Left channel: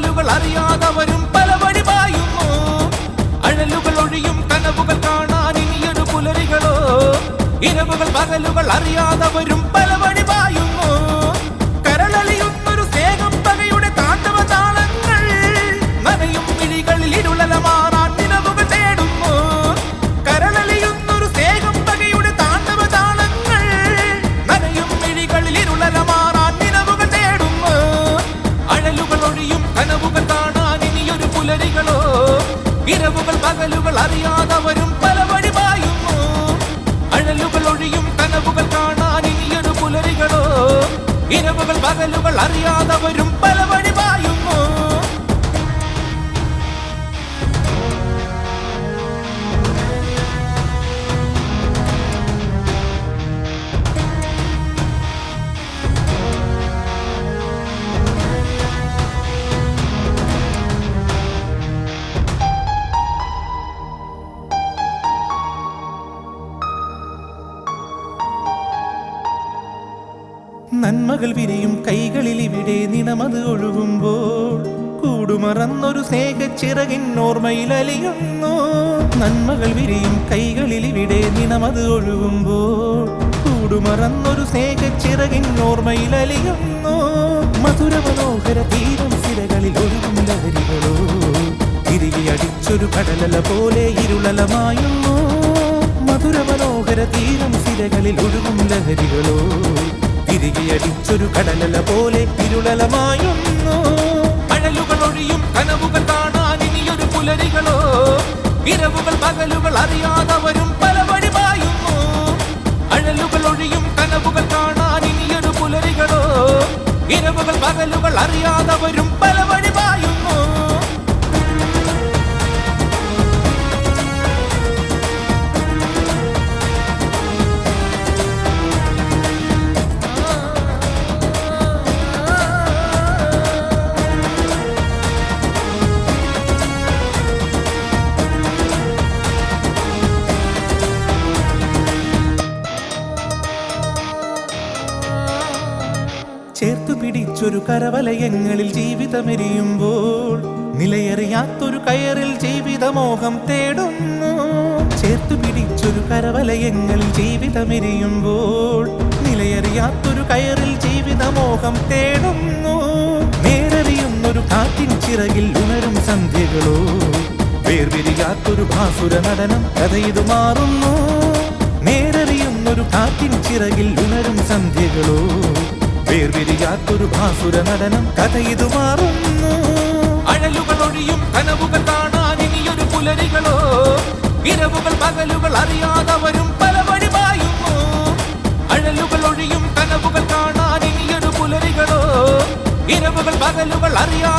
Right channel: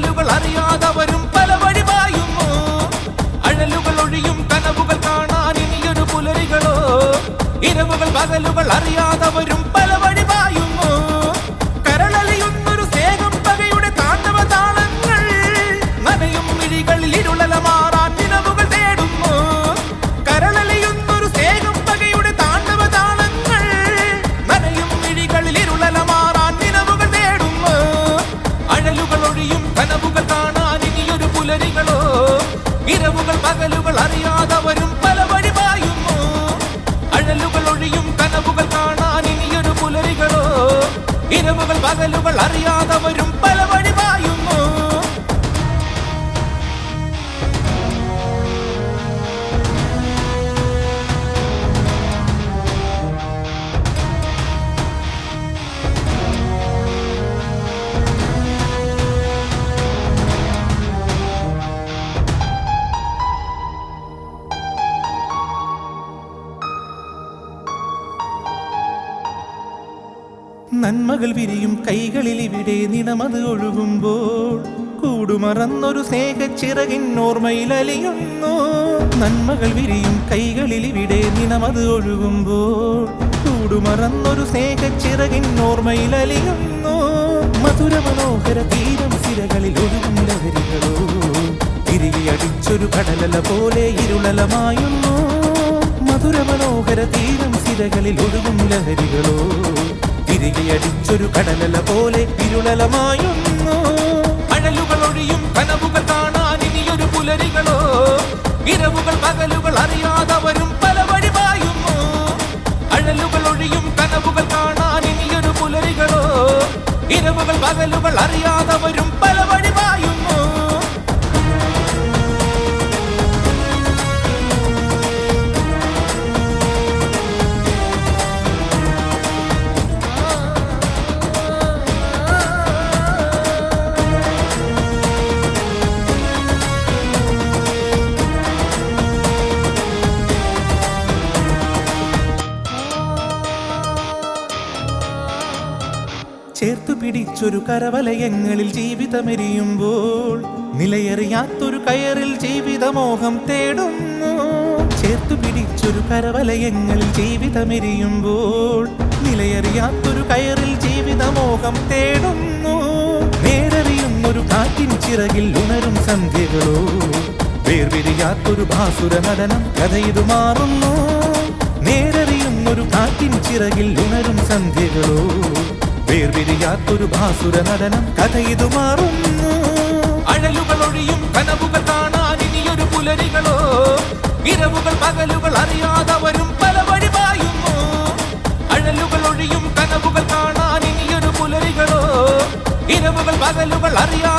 പകലുകൾ അറിയാതവരും പല വഴി പായുന്നു. അഴലുകൾ ഒഴിയും കനവുകൾ കാണാൻ ഇനിയൊരു പുലരികളോ. ഇരവുകൾ പകലുകൾ അറിയാതവരും പല വഴി പായുന്നു. കരളലിയുന്നൊരു സ്നേഹം പകയുടെ താണ്ഡവ താളങ്ങൾ. നനയും മിഴികളിൽ ഇരുളല മാറാൻ നിലവുകൾ തേടുന്നു. കരളലിയുന്നൊരു സ്നേഹം പകയുടെ താണ്ഡവ താളങ്ങൾ. നനയും മിഴികളിൽ ഇരുളല മാറാൻ നിലവുകൾ തേടുന്നു. അഴലുകൾ ഒഴിയും കനവുകൾ കാണാൻ ഇനിയൊരു പുലരികളോ. ഇരവുകൾ പകലുകൾ അറിയാതവരും പല വഴി പായുന്നു. അഴലുകൾ ഒഴിയും കനവുകൾ കാണാൻ ഇനിയൊരു പുലരികളോ. ഇരവുകൾ പകലുകൾ അറിയാതവരും പല വഴി പായുന്നു. നന്മകൾ വിരിയും കൈകളിൽ ഇവിടെ നിണമത് ഒഴുകുമ്പോൾ കൂടുമറന്നൊരു സ്നേഹച്ചിറകിൻ ഓർമ്മയിൽ അലിയുന്നു. നന്മകൾ വിരിയും കൈകളിൽ ഇവിടെ നിണമത് ഒഴുകുമ്പോൾ കൂടുമറന്നൊരു സ്നേഹച്ചിറകിൻ ഓർമ്മയിൽ അലിയുന്നു. മധുര മനോഹര തീരം സിരകളിൽ ഒഴുകും ലഹരികളോ. തിരികെ അടിച്ചൊരു കടലല പോലെ ഇരുളലമായുന്നു. മധുര മനോഹര തീരം സിരകളിൽ ഒഴുകും ലഹരികളോ. തിരികെ അടിച്ചൊരു കടലല പോലെ ഇരുളലമായുന്നു. അഴലുകൾ ഒഴിയും കനവുകൾ കാണാൻ ഇനിയൊരു പുലരികളോ. ഇരവുകൾ പകലുകൾ അറിയാതവരും പല വഴി പായുന്നു. അഴലുകൾ ഒഴിയും കനവുകൾ കാണാൻ ഇനിയൊരു പുലരികളോ. ഇരവുകൾ പകലുകൾ അറിയാതവരും പല വഴി പായുന്നു. ചേർത്തു പിടിച്ചൊരു കരവലയങ്ങളിൽ ജീവിതമെരിയുമ്പോൾ നിലയറിയാത്തൊരു കയറിൽ ജീവിതമോഹം തേടുന്നു. ചേർത്തു പിടിച്ചൊരു കരവലയങ്ങളിൽ ജീവിതമെരിയുമ്പോൾ നിലയറിയാത്തൊരു കയറിൽ ജീവിതമോഹം തേടുന്നു. നേരറിയുന്നൊരു കാറ്റിൻ ചിറകിൽ ഉണരും സന്ധ്യകളോ. വേർപിരിയാത്തൊരു ഭാസുര നടനം കഥയിതു മാറുന്നു. നേരറിയുന്നൊരു കാറ്റിൻ ചിറകിൽ ഉണരും സന്ധ്യകളോ. വേർപിരിയാത്തൊരു ഭാസുര നടനം കഥയിതു മാറുന്നു. അഴലുകൾ ഒഴിയും കനവുകൾ കാണാൻ ഇനിയൊരു പുലരികളോ. ഇരവുകൾ പകലുകൾ അറിയാതവരും പല വഴി പായുന്നു. അഴലുകൾ ഒഴിയും കനവുകൾ കാണാൻ ഇനിയൊരു പുലരികളോ. ഇരവുകൾ പകലുകൾ അറിയാ